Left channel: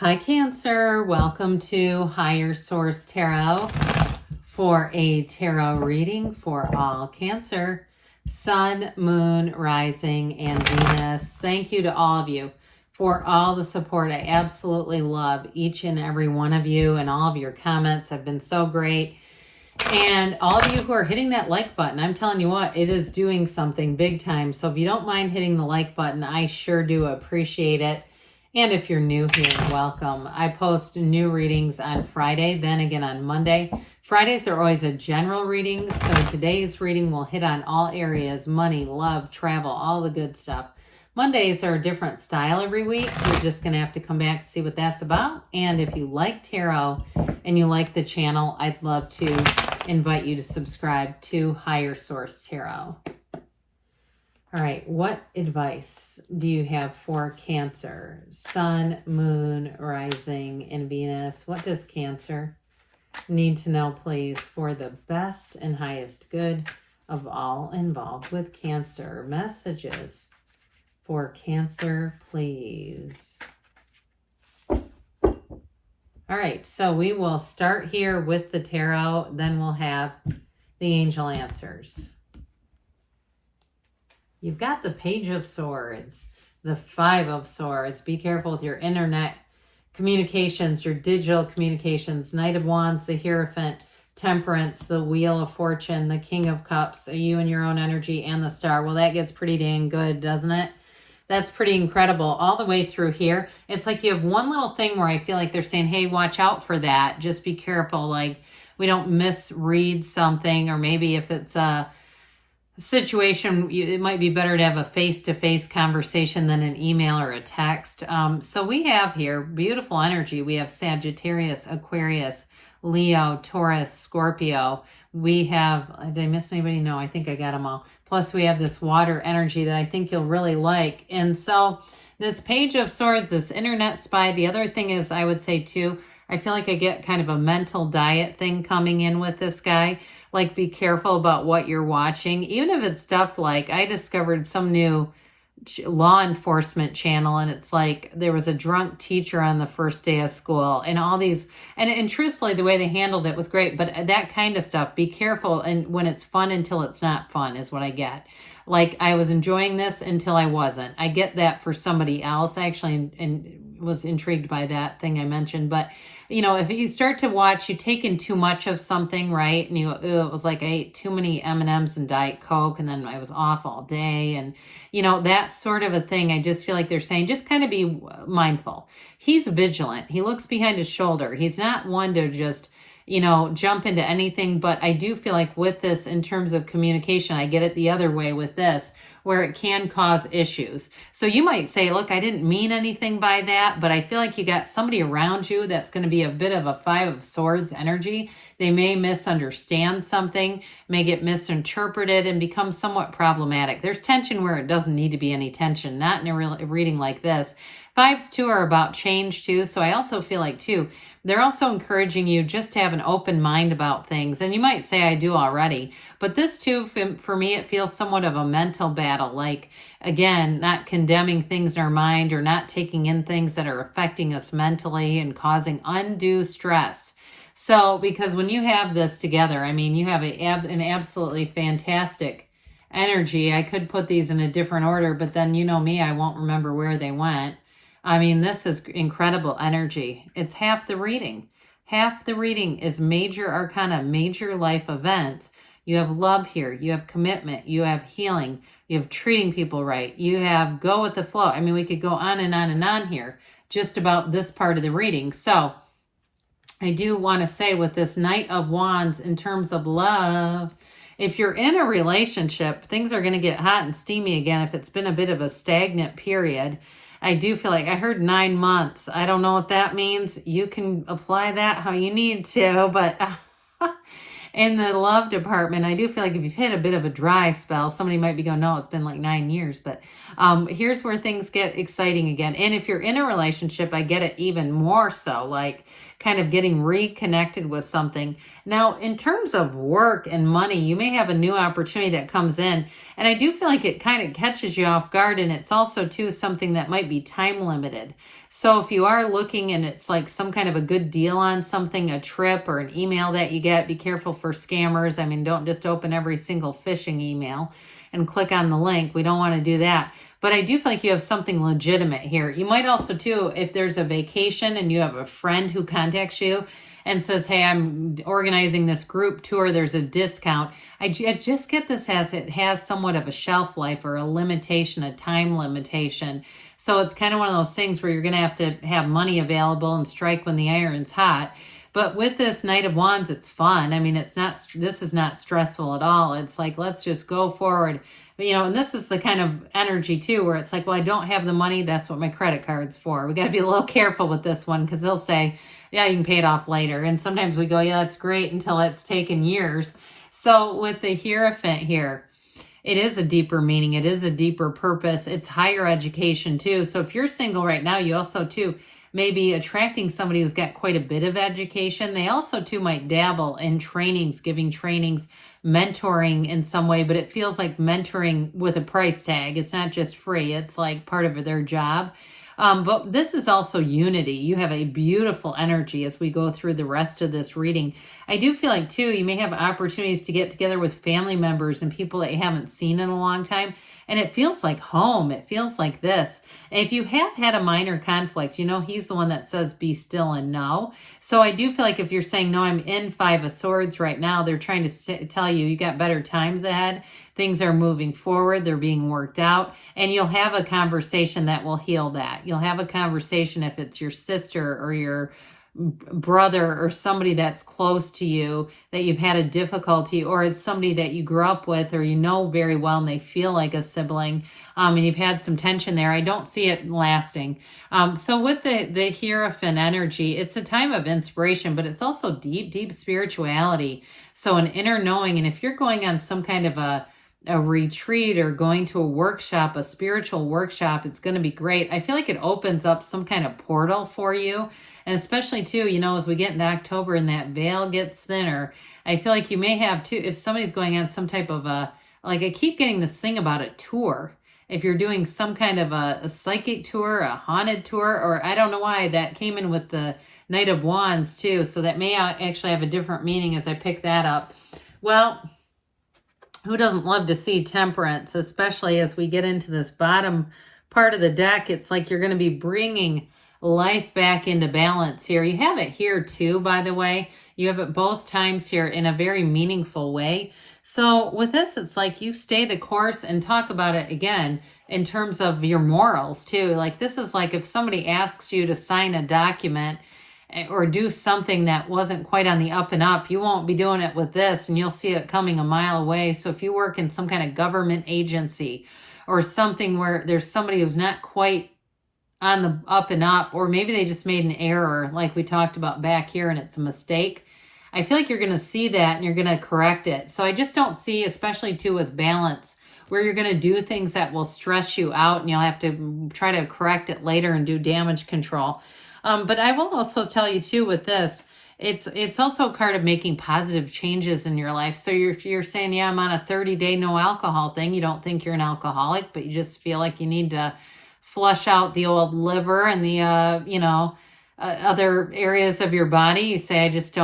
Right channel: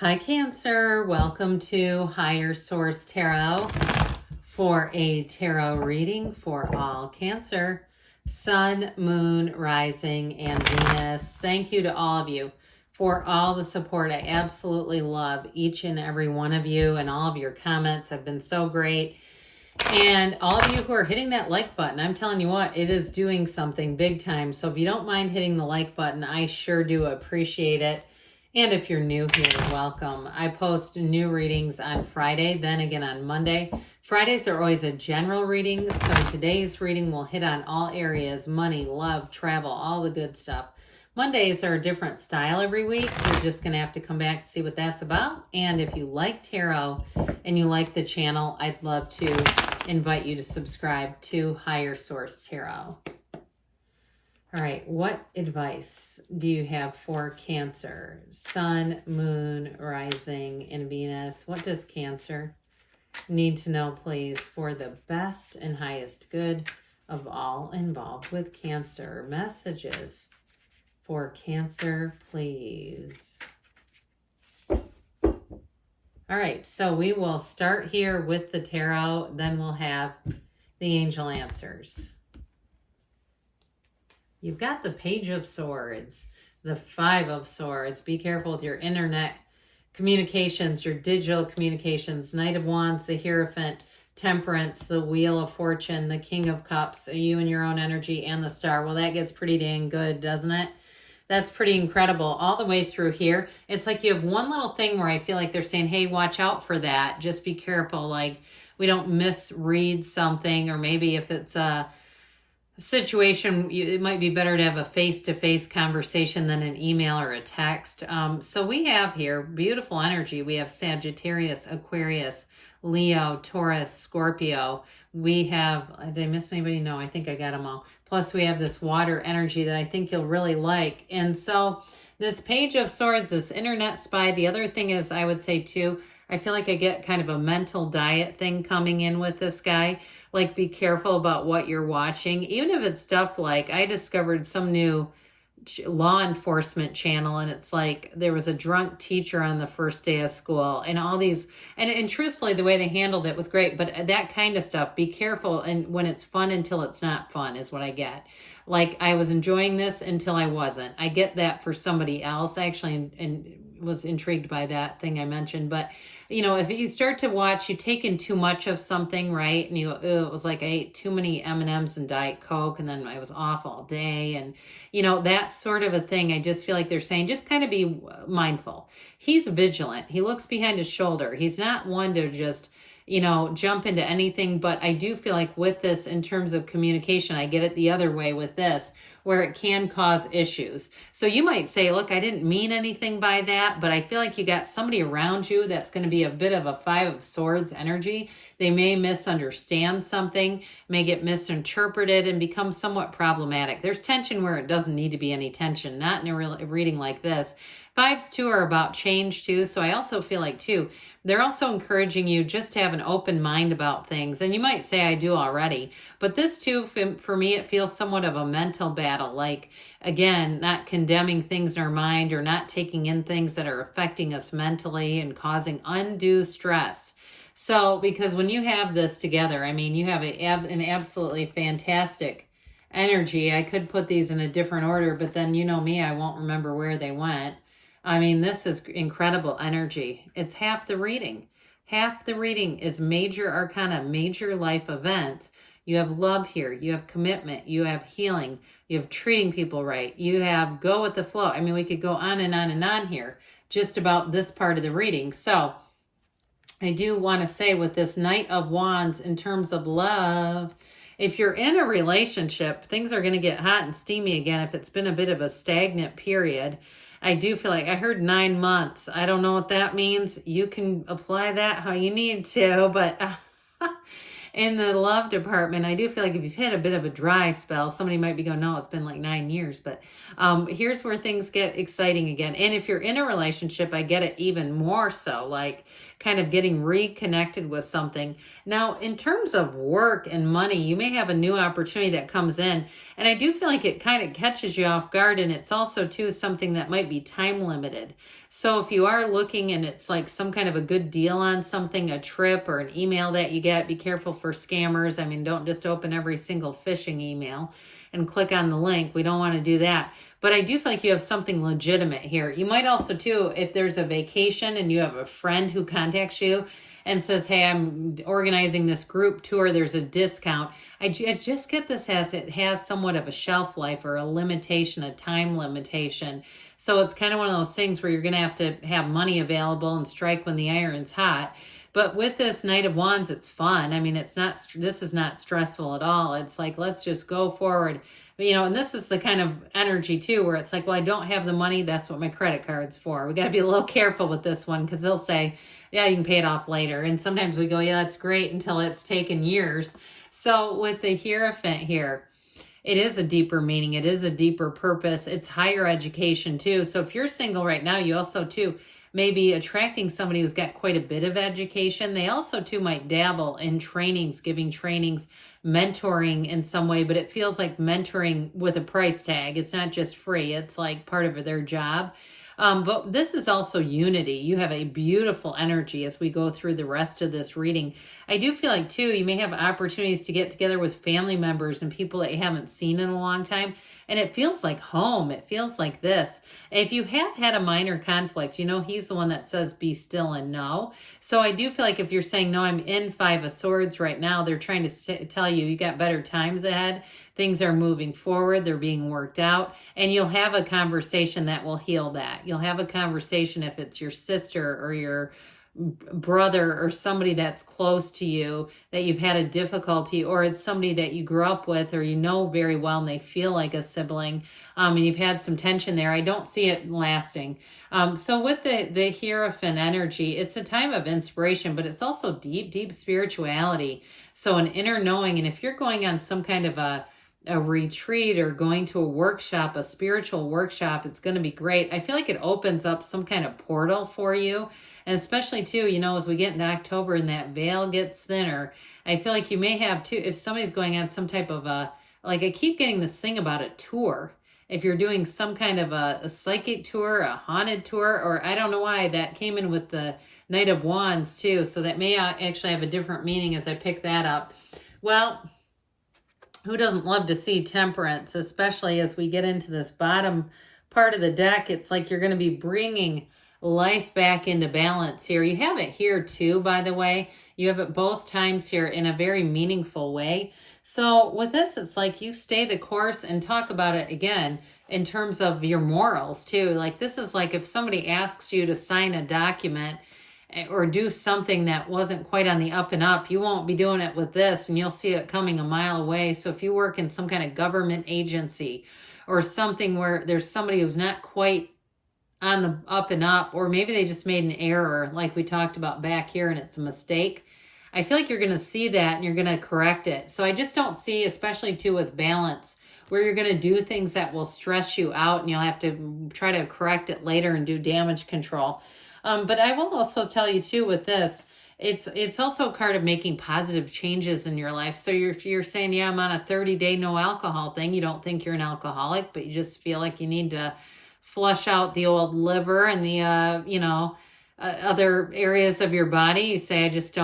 Hi Cancer, welcome to Higher Source Tarot for a tarot reading for all Cancer, Sun, Moon, Rising, and Venus. Thank you to all of you for all the support. I absolutely love each and every one of you, and all of your comments have been so great. And all of you who are hitting that like button, I'm telling you what, it is doing something big time. So if you don't mind hitting the like button, I sure do appreciate it. And if you're new here, welcome. I post new readings on Friday, then again on Monday. Fridays are always a general reading, so today's reading will hit on all areas: money, love, travel, all the good stuff. Mondays are a different style every week. You're just going to have to come back to see what that's about. And if you like tarot and you like the channel, I'd love to invite you to subscribe to Higher Source Tarot. All right, what advice do you have for Cancer? Sun, Moon, Rising, and Venus. What does Cancer need to know, please, for the best and highest good of all involved with Cancer? Messages for Cancer, please. All right, so we will start here with the tarot, then we'll have the angel answers. You've got the Page of Swords, the Five of Swords. Be careful with your internet communications, your digital communications. Knight of Wands, the Hierophant, Temperance, the Wheel of Fortune, the King of Cups, you and your own energy, and the Star. Well, that gets pretty dang good, doesn't it? That's pretty incredible all the way through here. It's like you have one little thing where I feel like they're saying, hey, watch out for that. Just be careful. Like we don't misread something, or maybe if it's a situation, it might be better to have a face-to-face conversation than an email or a text. So we have here beautiful energy. We have Sagittarius, Aquarius, Leo, Taurus, Scorpio. We have, did I miss anybody? No, I think I got them all. Plus we have this water energy that I think you'll really like. And so this Page of Swords, this internet spy, the other thing is, I would say too, I feel like I get kind of a mental diet thing coming in with this guy. Like, be careful about what you're watching. Even if it's stuff like, I discovered some new law enforcement channel, and it's like there was a drunk teacher on the first day of school, and all these, and truthfully, the way they handled it was great, but that kind of stuff, be careful. And when it's fun until it's not fun is what I get. Like, I was enjoying this until I wasn't. I get that for somebody else. I actually was intrigued by that thing I mentioned, but you know, if you start to watch, you take in too much of something, right? And it was like I ate too many M&Ms and Diet Coke, and then I was off all day, and you know, that sort of a thing. I just feel like they're saying, just kind of be mindful. He's vigilant. He looks behind his shoulder. He's not one to just, you know, jump into anything. But I do feel like with this, in terms of communication, I get it the other way with this, where it can cause issues. So you might say, look, I didn't mean anything by that, but I feel like you got somebody around you that's going to be a bit of a Five of Swords energy. They may misunderstand something, may get misinterpreted, and become somewhat problematic. There's tension where it doesn't need to be any tension, not in a reading like this. Fives too are about change too. So I also feel like too, they're also encouraging you just to have an open mind about things. And you might say, I do already. But this too, for me, it feels somewhat of a mental battle. Like, again, not condemning things in our mind, or not taking in things that are affecting us mentally and causing undue stress. So, because when you have this together, I mean, you have an absolutely fantastic energy. I could put these in a different order, but then you know me, I won't remember where they went. I mean, this is incredible energy. It's half the reading. Half the reading is major arcana, major life events. You have love here. You have commitment. You have healing. You have treating people right. You have go with the flow. I mean, we could go on and on and on here just about this part of the reading. So I do want to say with this Knight of Wands, in terms of love, if you're in a relationship, things are going to get hot and steamy again if it's been a bit of a stagnant period. I do feel like I heard 9 months. I don't know what that means. You can apply that how you need to, but in the love department, I do feel like if you've hit a bit of a dry spell, somebody might be going, no, it's been like 9 years, but here's where things get exciting again. And if you're in a relationship, I get it even more so, like kind of getting reconnected with something. Now, in terms of work and money, you may have a new opportunity that comes in, and I do feel like it kind of catches you off guard, and it's also too something that might be time limited. So if you are looking and it's like some kind of a good deal on something, a trip or an email that you get, be careful for scammers. I mean, don't just open every single phishing email and click on the link. We don't want to do that. But I do feel like you have something legitimate here. You might also too, if there's a vacation and you have a friend who contacts you and says, hey, I'm organizing this group tour, there's a discount. I just get this as it has somewhat of a shelf life or a limitation, a time limitation. So it's kind of one of those things where you're going to have money available and strike when the iron's hot. But with this Knight of Wands, it's fun. I mean, this is not stressful at all. It's like, let's just go forward. And this is the kind of energy too, where it's like, well, I don't have the money. That's what my credit card's for. We got to be a little careful with this one because they'll say, yeah, you can pay it off later. And sometimes we go, yeah, that's great until it's taken years. So with the Hierophant here, it is a deeper meaning. It is a deeper purpose. It's higher education too. So if you're single right now, you also too may be attracting somebody who's got quite a bit of education. They also too might dabble in trainings, giving trainings, mentoring in some way, but it feels like mentoring with a price tag. It's not just free. It's like part of their job. But this is also unity. You have a beautiful energy as we go through the rest of this reading. I do feel like, too, you may have opportunities to get together with family members and people that you haven't seen in a long time. And it feels like home. It feels like this. And if you have had a minor conflict, he's the one that says be still and know. So I do feel like if you're saying, no, I'm in Five of Swords right now, they're trying to tell you got better times ahead. Things are moving forward. They're being worked out. And you'll have a conversation that will heal that. You'll have a conversation if it's your sister or your brother or somebody that's close to you that you've had a difficulty, or it's somebody that you grew up with or very well and they feel like a sibling, and you've had some tension there. I don't see it lasting. So with the Hierophant energy, it's a time of inspiration, but it's also deep spirituality. So an inner knowing. And if you're going on some kind of a retreat or going to a workshop, a spiritual workshop, it's going to be great. I feel like it opens up some kind of portal for you. And especially too, as we get into October and that veil gets thinner, I feel like you may have too, if somebody's going on some type of I keep getting this thing about a tour. If you're doing some kind of a psychic tour, a haunted tour, or I don't know why that came in with the Knight of Wands too. So that may actually have a different meaning as I pick that up. Well, who doesn't love to see Temperance, especially as we get into this bottom part of the deck? It's like you're going to be bringing life back into balance here. You have it here too, by the way. You have it both times here in a very meaningful way. So with this, it's like you stay the course and talk about it again in terms of your morals too. Like this is like if somebody asks you to sign a document or do something that wasn't quite on the up and up, you won't be doing it with this, and you'll see it coming a mile away. So if you work in some kind of government agency or something where there's somebody who's not quite on the up and up, or maybe they just made an error like we talked about back here and it's a mistake, I feel like you're going to see that and you're going to correct it. So I just don't see, especially too with balance, where you're going to do things that will stress you out and you'll have to try to correct it later and do damage control. But I will also tell you too with this, it's also a card of making positive changes in your life. So if you're saying, yeah, I'm on a 30-day no alcohol thing, you don't think you're an alcoholic, but you just feel like you need to flush out the old liver and the, other areas of your body. You say, I just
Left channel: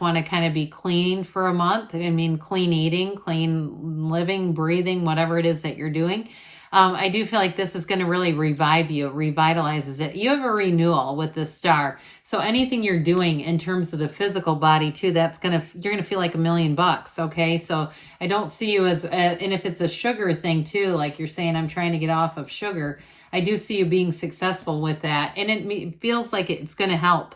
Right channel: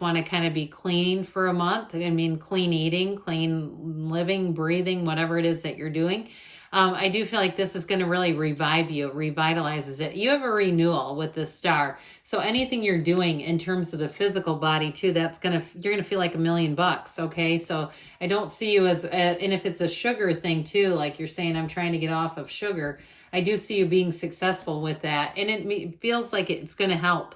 want to kind of be clean for a month. I mean, clean eating, clean living, breathing, whatever it is that you're doing. I do feel like this is going to really revive you, revitalizes it. You have a renewal with the Star. So anything you're doing in terms of the physical body too, you're going to feel like $1 million. Okay. So I don't see you as, and if it's a sugar thing too, like you're saying, I'm trying to get off of sugar, I do see you being successful with that. And it feels like it's going to help.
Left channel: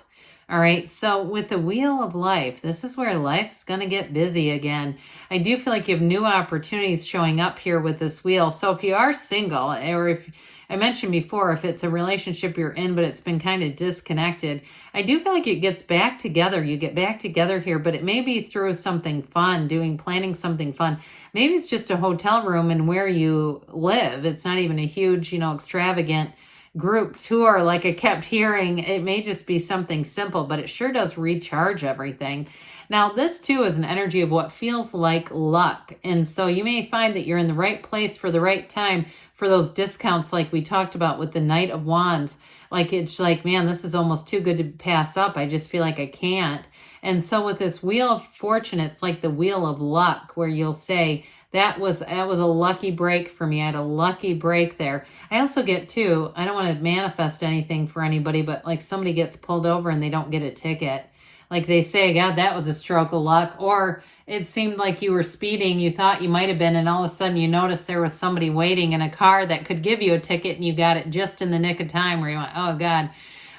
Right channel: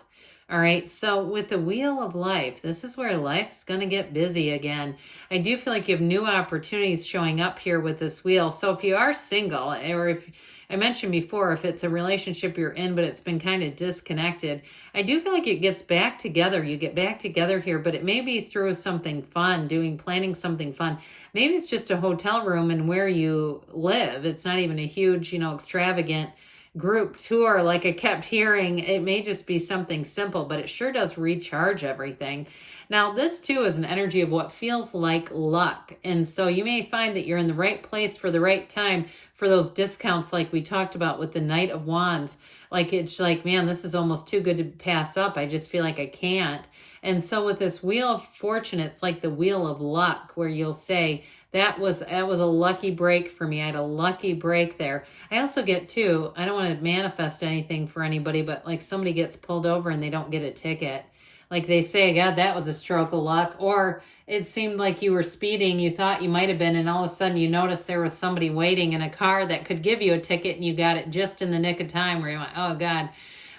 All right. So with the Wheel of Life, this is where life is going to get busy again. I do feel like you have new opportunities showing up here with this wheel. So if you are single, or if I mentioned before, if it's a relationship you're in, but it's been kind of disconnected, I do feel like it gets back together. You get back together here, but it may be through something fun, planning something fun. Maybe it's just a hotel room and where you live. It's not even a huge, extravagant group tour like I kept hearing. It may just be something simple, but it sure does recharge everything. Now, this too is an energy of what feels like luck. And so you may find that you're in the right place for the right time for those discounts like we talked about with the Knight of Wands. Like, it's like, man, this is almost too good to pass up. I just feel like I can't. And so with this Wheel of Fortune, it's like the wheel of luck, where you'll say, that was a lucky break for me. I had a lucky break there. I also get too, I don't want to manifest anything for anybody, but like somebody gets pulled over and they don't get a ticket. Like they say, God, that was a stroke of luck. Or it seemed like you were speeding, you thought you might have been, and all of a sudden you noticed there was somebody waiting in a car that could give you a ticket, and you got it just in the nick of time, where you went, oh God.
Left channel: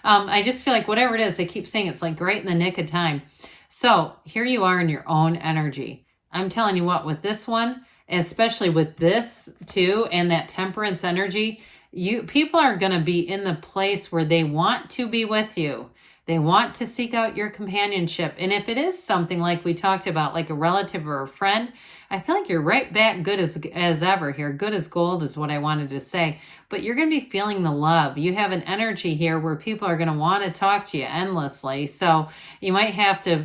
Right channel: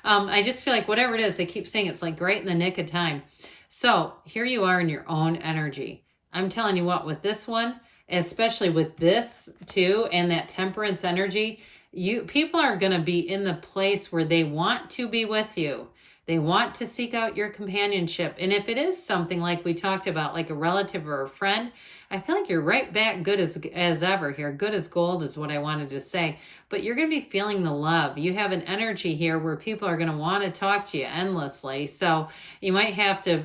I just feel like whatever it is, they keep saying it's like right in the nick of time. So here you are in your own energy. I'm telling you what, with this one, especially with this too, and that temperance energy, people are going to be in the place where they want to be with you. They want to seek out your companionship. And if it is something like we talked about, like a relative or a friend, I feel like you're right back good as ever here. Good as gold is what I wanted to say. But you're going to be feeling the love. You have an energy here where people are going to want to talk to you endlessly. So you might have to,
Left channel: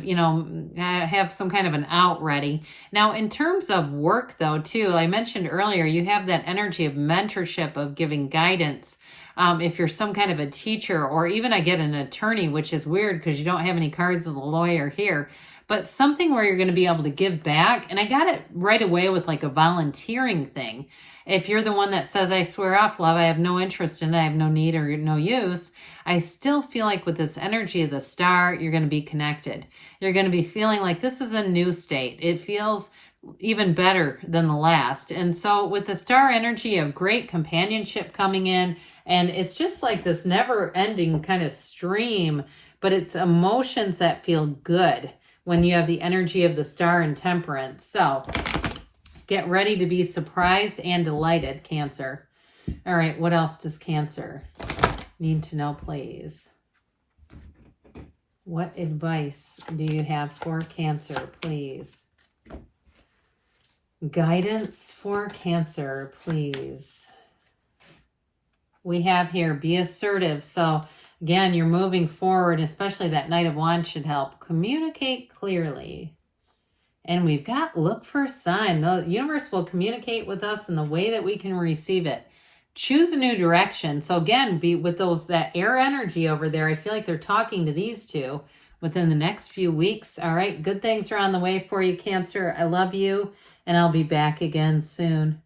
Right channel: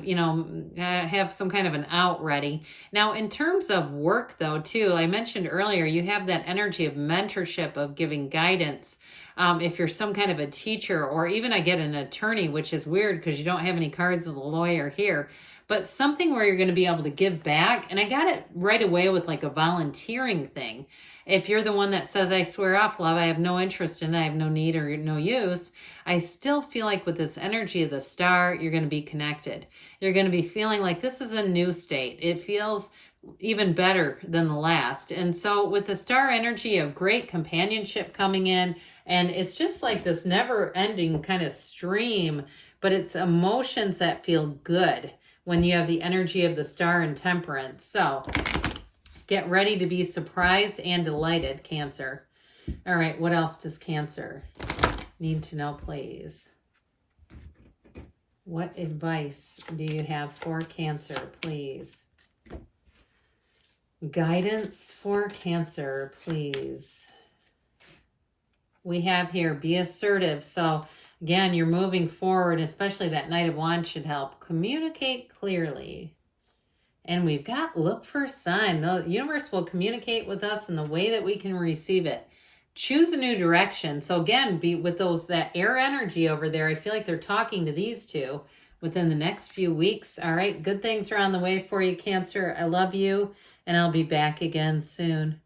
have some kind of an out ready. Now, in terms of work, though, too, I mentioned earlier, you have that energy of mentorship, of giving guidance. If you're some kind of a teacher, or even I get an attorney, which is weird because you don't have any cards of the lawyer here, but something where you're going to be able to give back. And I got it right away with like a volunteering thing. If you're the one that says, I swear off, love, I have no interest in it, I have no need or no use, I still feel like with this energy of the star, you're going to be connected. You're going to be feeling like this is a new state. It feels even better than the last. And so with the star energy of great companionship coming in, and it's just like this never ending kind of stream, but it's emotions that feel good when you have the energy of the star and temperance. So get ready to be surprised and delighted, Cancer. All right, what else does Cancer need to know, please? What advice do you have for Cancer, please? Guidance for Cancer, please. We have here, be assertive. So again, you're moving forward, especially that Knight of Wands should help. Communicate clearly. And we've got look for a sign. The universe will communicate with us in the way that we can receive it. Choose a new direction. So again, be with that air energy over there. I feel like they're talking to these two within the next few weeks. All right, good things are on the way for you, Cancer. I love you, and I'll be back again soon.